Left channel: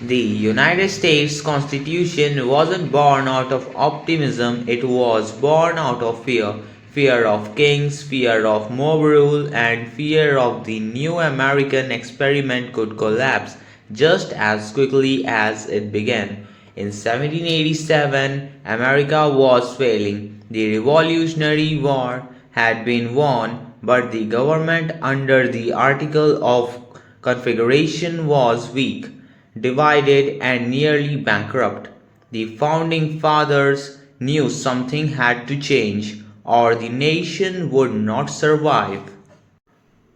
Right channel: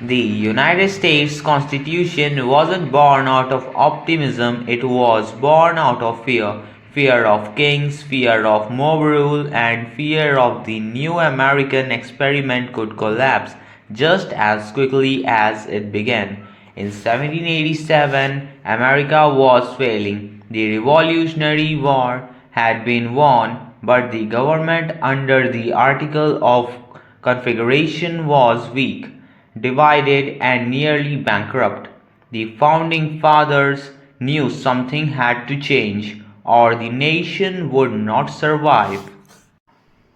The United States Constitution wasn't born out of optimism, it was born out of fear. Fear of kings, fear of mob rule, and fear of the new American experiment could collapse just as quickly as it began. In 1787, America was failing. The Revolutionary War had been won, but the government under the Articles of Confederation was weak, divided, and nearly bankrupt. The founding fathers knew something had to change, or the nation would not survive.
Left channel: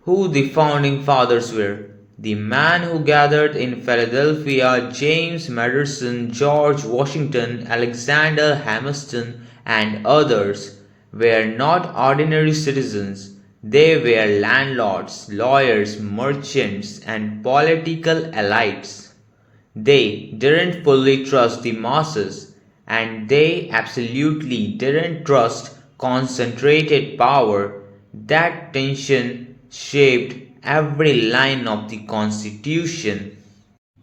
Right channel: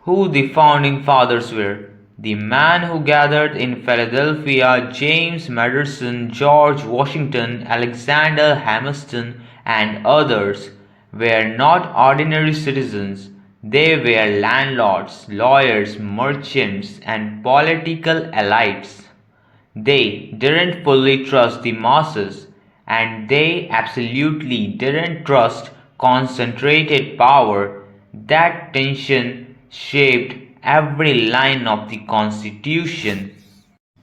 Who the founding fathers were? The man who gathered in Philadelphia, James Madison, George Washington, Alexander Hamilton, and others, were not ordinary citizens. They were landlords, lawyers, merchants, and political elites. They didn't fully trust the masses, and they absolutely didn't trust concentrated power. That tension shaped every line of the Constitution.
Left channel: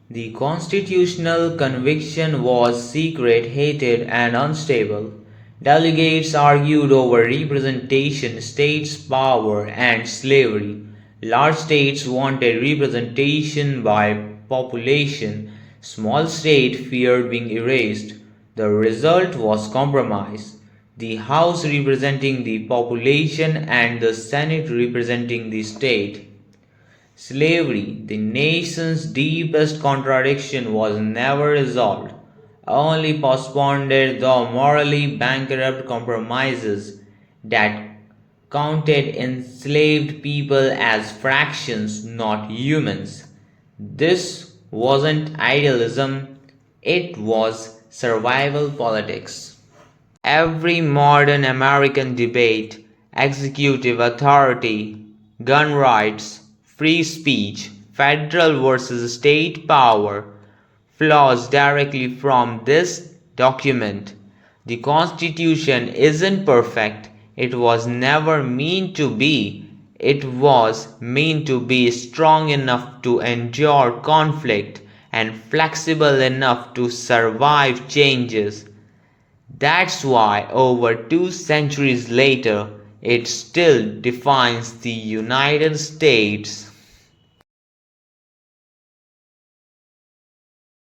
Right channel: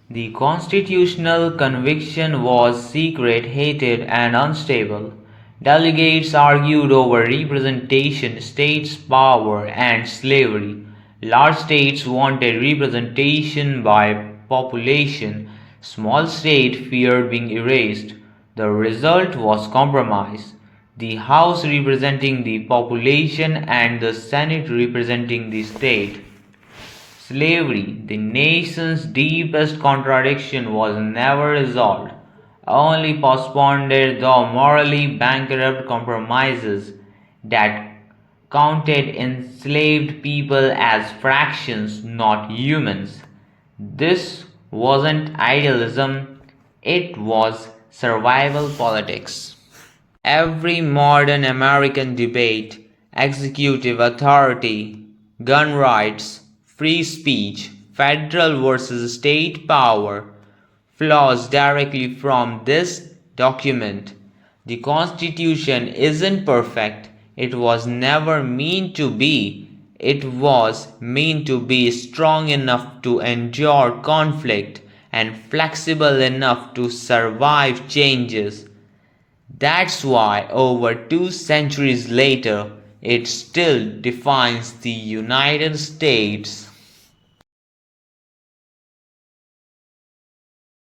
The constitutional conviction was secret, hated, and unstable. Delegates argued over representation, states' power, and slavery. Large states wanted representation by population. Small states feared being erased. The result was compromise. The House representing the population and the Senate representing the state. Slavery, the nation's deepest contradiction, was never resolved, only postponed though morally bankrupt compromises that counted enslaved people as fractions, not humans. This wasn't idealism, it was survival politics. Every modern American debate, executive authority, gun rights, free speech, federal versus state power, flows directly from this document. The Constitution isn't perfect, it was never meant to be. It was meant to be strong enough to endure conflict and flexible enough to survive changes. That's why, over 2 centuries later, it still defines the United States.